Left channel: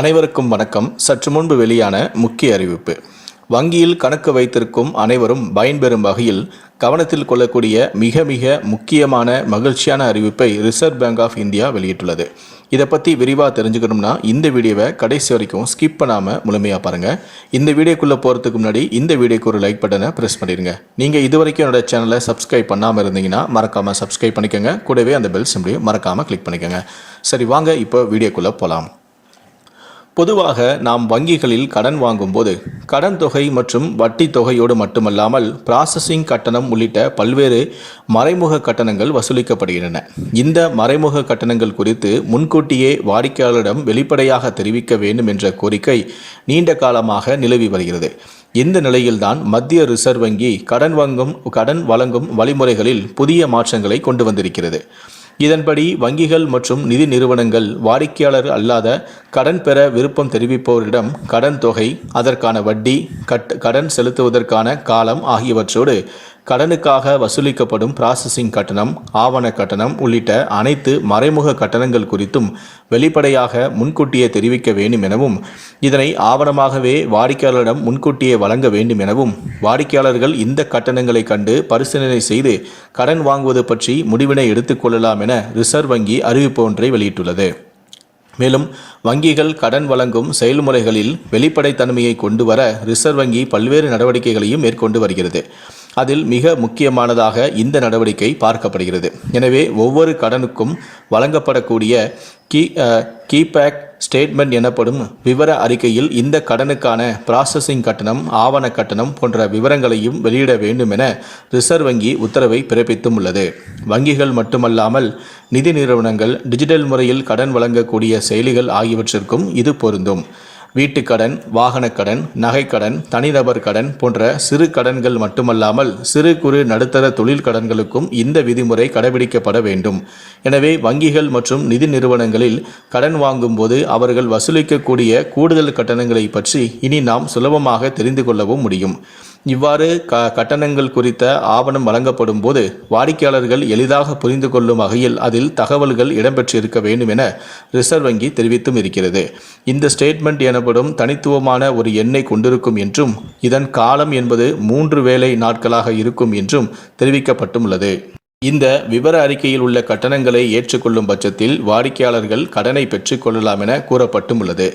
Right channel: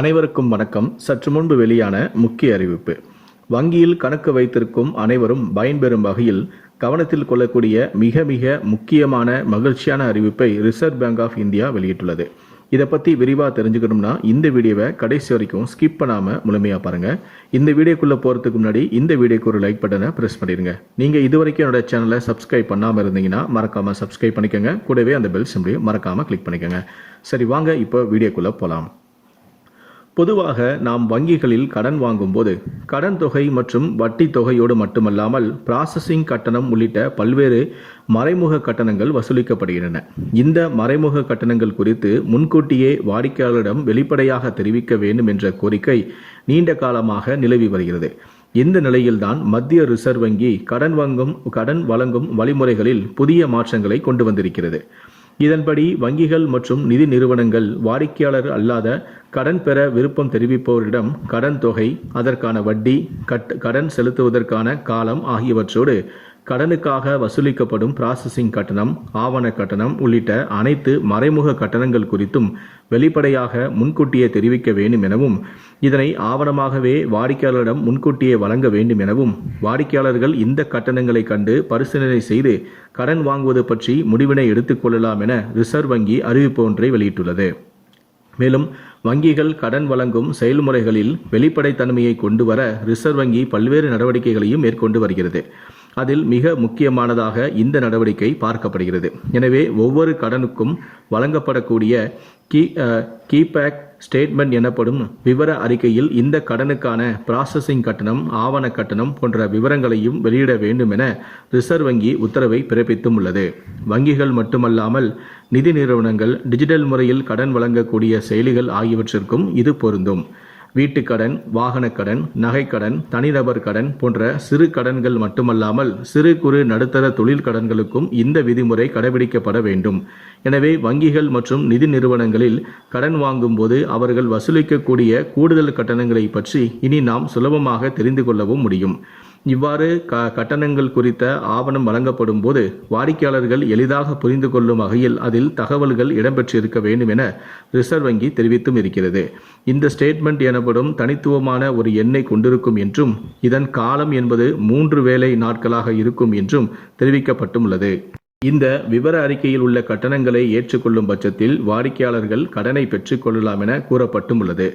அனைவருக்கும் வணக்கம். சற்று முன்பு வெளியான முக்கிய அறிவிப்பு. வங்கியில் கணக்கு வைத்திருக்கும் அனைவரும் பயன்பெறும் வகையில் கவனத்தில் கொள்ளக்கூடிய மிக மிக முக்கியமான மகிழ்ச்சியான அறிவிப்பை ரிசர்வ் பேங்க் ஆஃப் இந்தியா வெளியிட்டுள்ளது. இதை பற்றி விரிவாக தெரிஞ்சுக்கணும்னா இந்த வீடியோவை கடைசி வரைக்கும் ஸ்கிப் பண்ணாமல் முழுமையாக பாருங்கள் இந்த வீடியோக்குள்ளே போகிறதுக்கு முன்னாடி இந்த வீடியோக்கு ஒரு லைக் பட்டனை ப்ரெஸ் பண்ணிடுங்க. நீங்கள் இது வரைக்கும் என்னோட சேனலை சப்ஸ்கிரைப் பண்ணாமல் இருந்தீங்கன்னா மறக்காமல் சப்ஸ்கிரைப் பண்ணிக்கோங்க. கூடவே அந்த பெல் சிம்லையும் மறக்காமல் கிளிக் பண்ணிக்கோங்க. சரி வாங்க இப்போ வீடியோக்குள்ளே போகலாம் பொதுவாக நாம் வங்கிகளில் கடன் வாங்கும்போது கடன் தொகை மற்றும் வட்டி தொகையோடு மட்டுமல்லாமல் ப்ராசஸிங் கட்டணம் உள்ளிட்ட பல்வேறு மறைமுக கட்டணங்கள் வசூலிக்கப்படுகின்றன. இந்த மறைமுக கட்டணங்கள் குறித்து முன்கூட்டியே வாடிக்கையாளரிடம் வெளிப்படையாக தெரிவிக்க வேண்டும் என்ற கோரிக்கை நீண்ட காலமாக நிலவி வருகிறது. இந்த நிலையில்தான் மத்திய ரிசர்வ் வங்கி கடன் வாங்கும் கடன் வழங்கும் வழிமுறைகளில் புதிய மாற்றங்களை கொண்டு வந்திருக்கிறது. இதன்படி வங்கிகள் மற்றும் நிதி நிறுவனங்கள் வாடிக்கையாளர் அல்லாத கடன் பெற விருப்பம் தெரிவிப்பவரிடம் கடன் தொகை அதற்கான வட்டி கட் கடன் செலுத்துவதற்கான காலம் ஆகியவற்றோடு கடனுக்காக வசூலிக்கப்படும் ப்ராசஸிங் கட்டணம் ஆவண கட்டணம் உள்ளிட்ட அனைத்து மறைமுக கட்டணங்கள் குறித்தும் வெளிப்படையாக முன்கூட்டியே தெரிவிக்க வேண்டும் எனவும் இதனை ஆவணமாகவே வாடிக்கையாளரிடம் முன்கூட்டியே வழங்க வேண்டும் எனவும் வாடிக்கையாளர்கள் இந்த கட்டணங்களை கண்டு பரிசீலனை செய்து கடன் வாங்குவது பற்றி முடிவினை எடுத்துக்கொள்ளலாம் என ரிசர்வ் வங்கி அறிவிப்பு ஒன்றை வெளியிட்டுள்ளது. மேலும் வங்கிகள் கடன் வழங்கும் செயல்முறைகளில் வெளிப்படைத்தன்மையை கொண்டு வர ரிசர்வ் வங்கி பல்வேறு நடவடிக்கைகளையும் மேற்கொண்டு வருகிறது. அதில் மிக முக்கியமானதாக இந்த நடவடிக்கை பார்க்கப்படுகிறது. எனவே ஒவ்வொரு கடனுக்கும் வழங்கப்படக்கூடிய கீ கீபேக் ஸ்டேட்மெண்ட் எனப்படும் விவர அறிக்கையில் இந்த கடனுக்கான ப்ராசஸிங் கட்டணம் ஆவண கட்டணம் போன்ற விவரங்களையும் வெளியிட வேண்டும் என ரிசர்வ் வங்கி உத்தரவை பிறப்பித்தும் உள்ளது வங்கிகள் மட்டுமல்லாமல் நிதி நிறுவனங்கள் டிஜிட்டல் முறையில் கடன் வழங்கக்கூடிய செயலிகள் ஆகியவற்றிற்கும் இது பொருந்தும். வீட்டுக்கடன் வாகனக்கடன் நகைக்கடன் தனிநபர் கடன் போன்ற சிறு கடன்கள் மட்டுமல்லாமல் சிறு குறு நடுத்தர தொழில் கடன்களுக்கும் இந்த விதிமுறை கடைபிடிக்கப்பட வேண்டும். எனவே வங்கிகள் மற்றும் நிதி நிறுவனங்களில் கடன் வாங்கும்போது அவர்கள் வசூலிக்கக்கூடிய கூடுதல் கட்டணங்களை பற்றி இனி நாம் சுலபமாக தெரிந்து கொள்ளவும் முடியும். இவ்வாறு க கட்டணங்கள் குறித்த ஆவணம் வழங்கப்படும் போது வாடிக்கையாளர்கள் எளிதாக புரிந்து கொள்ளும் வகையில் அதில் தகவல்கள் இடம்பெற்றிருக்க வேண்டும் என ரிசர்வ் வங்கி தெரிவித்தும் இருக்கிறது. இந்த ஸ்டேட்மெண்ட் எனப்படும் தனித்துவமான ஒரு எண்ணை கொண்டிருக்கும் என்றும் இதன் காலம் என்பது மூன்று வேலை நாட்களாக இருக்கும் என்றும் தெரிவிக்கப்பட்டுள்ளது. இந்த விவர அறிக்கையில் உள்ள கட்டணங்களை ஏற்றுக்கொள்ளும் பட்சத்தில் வாடிக்கையாளர்கள் கடனை பெற்றுக்கொள்ளலாம் என கூறப்பட்டும் உள்ளது.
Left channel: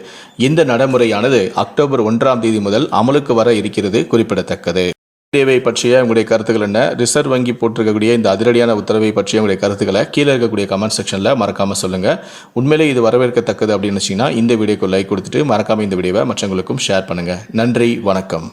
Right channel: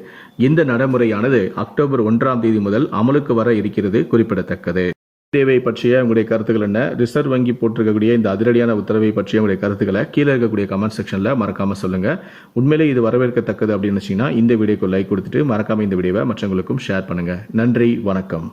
இந்த நடைமுறையானது அக்டோபர் ஒன்றாம் தேதி முதல் அமலுக்கு வர இருக்கிறது குறிப்பிடத்தக்கது. தேவை பற்றிய உங்களுடைய கருத்துக்கள் என்ன? ரிசர்வ் வங்கி போட்டிருக்கக்கூடிய இந்த அதிரடியான உத்தரவை பற்றிய உங்களுடைய கருத்துக்களை கீழே இருக்கக்கூடிய கமெண்ட் செக்ஷனில் மறக்காமல் சொல்லுங்கள் உண்மையிலே இது வரவேற்கத்தக்கது அப்படின்னு வச்சிங்கன்னா இந்த வீடியோக்கு லைக் கொடுத்துட்டு மறக்காமல் இந்த வீடியோவை மற்றவங்களுக்கும் ஷேர் பண்ணுங்கள் நன்றி வணக்கம்.